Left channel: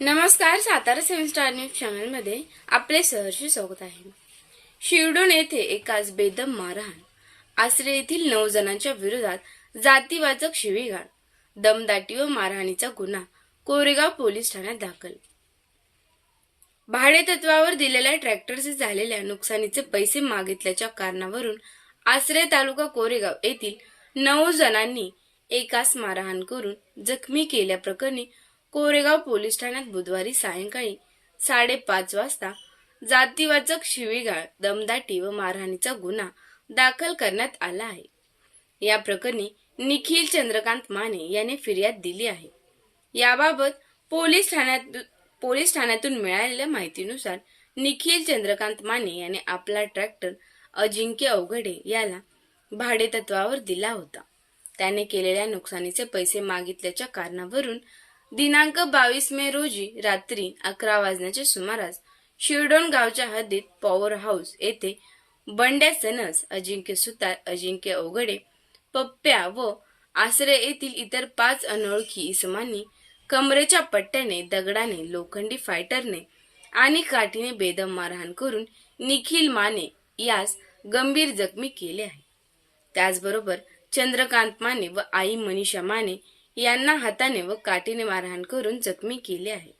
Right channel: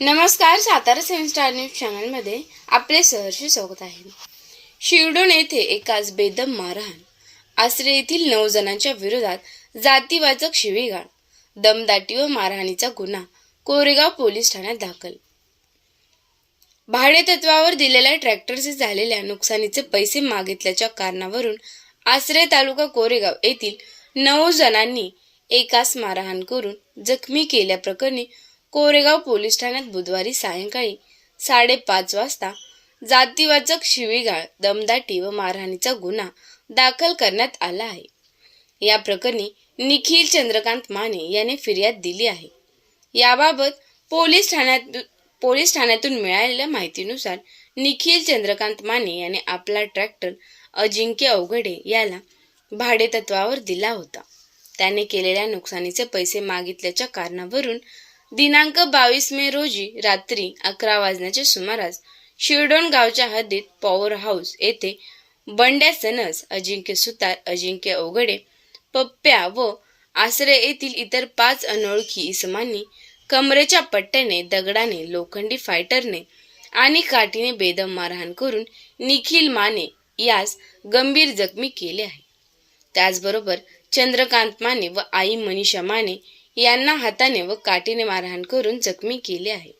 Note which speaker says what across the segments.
Speaker 1: नमस्कार सातारा सेवन star news चॅनलमध्ये आपले सहर्ष स्वागत आहे. शिरडोन येथे एकाच बेदम मारहाण. आसरे येथील नऊ जणांच्या विरोधात जातीवाचक शिवीगाळ दमदाटी व मारहाणीचा गुन्हा कोरेगाव पोलीस ठाण्यात दाखल. भाडे तत्वावर दिलेल्या ट्रॅक्टरचे झालेल्या नुकसानीचे पैसे मागितल्याच्या कारणावरून आसरे तालुका कोरेगाव येथील नऊ जणांनी एकास मारहाण करून जखमी केल्याप्रकरणी कोरेगाव पोलीस ठाण्यात बुधवारी सायंकाळी साडेपाच वाजता जातीवाचक शिवीगाळ दमदाटी व मारहाणीचा गुन्हा दाखल करण्यात आला आहे. या प्रकरणी निखिल चंद्रकांत माने याने फिर्याद दिली आहे. याबाबत पोलीस ठाण्यात पोलीस ठाण्यातून मिळालेल्या माहितीनुसार निखिल चंद्रकांत माने याने आपला ट्रॅक्टर अजिंक्य अवघडे याला भाडेतत्वावर दिला होता. त्याने केलेल्या नुकसानीचे पैसे मागितल्याच्या कारणावरून दिनांक बावीस मे रोजी रात्री अकरा वाजण्याच्या सुमारास शिरडोण गावच्या हद्दीत पॉवर हाऊस येथे बंड्या सनस अजिंक्य सुतार अजिंक्य अवघडे पप्प्या व आसरे येथील इतर पाच अनोळखी इसमांनी कमरेच्या पट्ट्याने दगडाने लोखंडी फायटरने आणि काठीने बेदम मारहाण करून निखिल माने यास गंभीर जखमी केले आहे. त्याचबरोबर चंद्रकांत माने व आई मनीषा माने यांना हाताने व काठीने मारहाण करून जखमी केले आहे.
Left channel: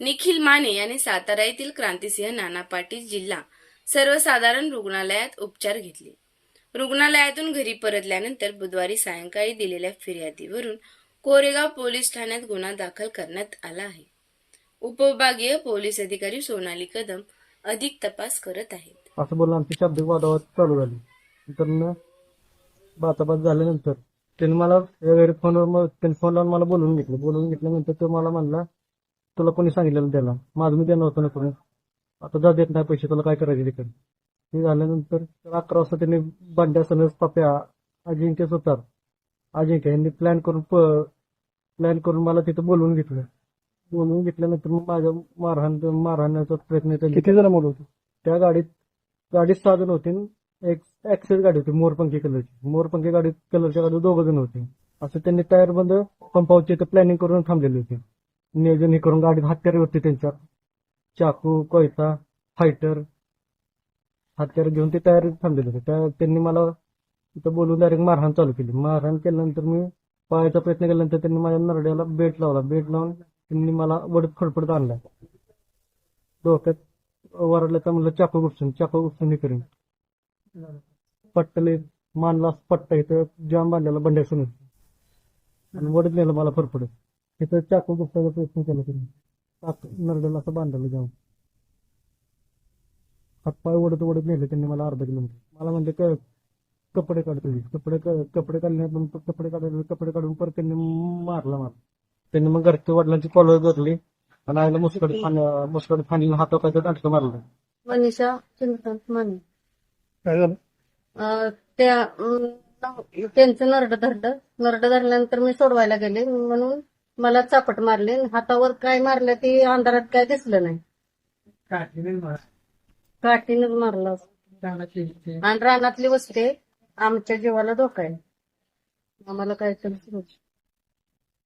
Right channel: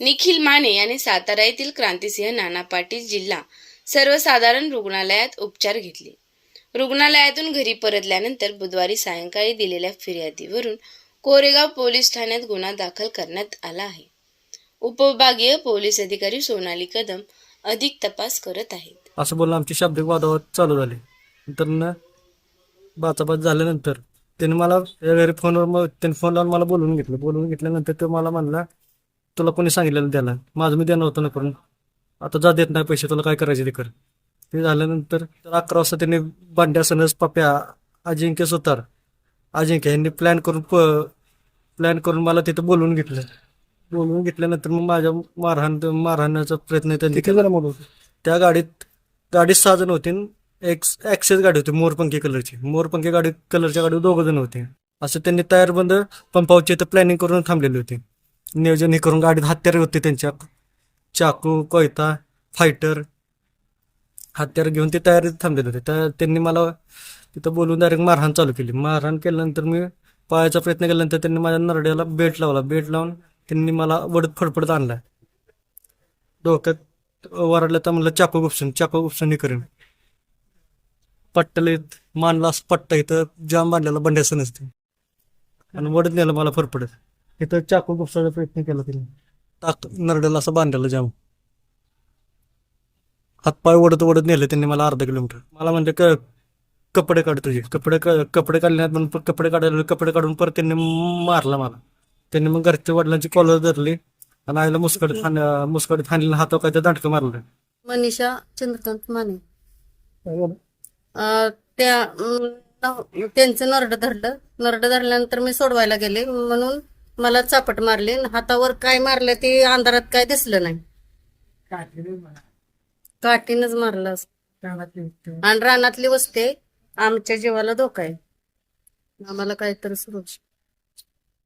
Speaker 1: निखिल माने याने सातारा येथील क्रांतिसिंह नाना पाटील जिल्हा सर्वसाधारण रुग्णालयात उपचार घेतले. रुग्णालयातून घरी परतल्यानंतर बुधवारी सायंकाळी दिलेल्या फिर्यादीवरून कोरेगाव पोलीस ठाण्यात गुन्हा दाखल करण्यात आला आहे. उपविभागीय पोलीस अधिकारी सोनाली कदम अधिक तपास करत आहेत.
Speaker 2: असं बोलून आमची शाब्दिक वादावाद चालू झाली. नंतर बाचाबाच झाल्यानंतर त्याने मला घरी फोनवर मग त्याने फोन लावून मला बोलवून घेतलं. बोलवून घेतल्यानंतर तो मला म्हणला तुला कोणी सांगितलेलं त्याला माझं मी देणार होतं ना करून. आता जा देत नाही पैसे तुला काय करायचे ते कर. ते झाल्यानंतर तर अकरा वाजता त्यांनी बांड्या सनस पप्या अजिंक्य सुतार अजिंक्य यांनी प्लॅन करून प्लॅन करून मला तिथं बोलवून घेतलं. बोलवून घेतल्यानंतर मग माझ्या मारहाण मारहाणाचा प्रयत्न त्यांनी
Speaker 3: मुलं
Speaker 2: त्या गाडीत गाडीत सहा जण होते. एक्स एक ॲक्सेस गाडी होती मोरपंखी कलरची. मोरपंखी गाडी कलरच्या गाडीवर दोघं जण होते. असं त्यांनी तयार बंद पंपावरची इथं प्लॅनिंग करून थांबलेली होती. नियोजन हे करून गाडीत हत्यारे होते त्यांच्या. चाकू कोयता फायटर हत्यार घेऊन ते तयारीत थांबलेले होते. त्या त्यांनी मला तिथं बोलून डायरेक्ट मारहाण चालू केली. मारहाण केल्यानंतर मी पळायचा प्रयत्न केल्यानंतर त्यांनी माझ्या नरड्याला बेट लावला. बेट लावून त्यांनी मला वडत फडफडत आणला. डोक्यात वरडलं तर म्हणलं चाकू गुपसून चाकू गुपसून हे करेन. पट्टलेत मानला पट्टा इथं जाम बांधलेला बंड्यास नसते. आणि वडत नेलं मला फरफडत. इथं चाकू गुपसायचा प्रयत्न केला तिने. टाक नरडेला असं बांधलेलं जाम. हातपाय ओढत ओढत नेले त्यांनी मला अर्धा किलोमीटर. मला म्हणजे क कपडे काढ तुझे. कपडे कपडे काढले नाहीत म्हणून कपडे काढायला कपडे काढून परत त्यांनी मारला मला. त्यांनी मग घरच्या वडिलांची कॉलर धरली आणि आईला मुसकडीत मुस्कडीत मुसकडीत हाणली हातावर काय दांडकं मारलं.
Speaker 4: मनीषा चंद्रकांत माने. अं, त्या अं, नव- त्यांचं नरड धरलं. नरड धरल्यानंतर मी सोडवायला गेले. म्हणून मला चापट मारली आणि हातावर काय मारलं ते अंधारात काय दिसलं नाही. काठीनच मारलं. आणि रानातली वस्ते आमच्या जीवाला धोका आहे. आम्हाला काहीतरी सुरक्षा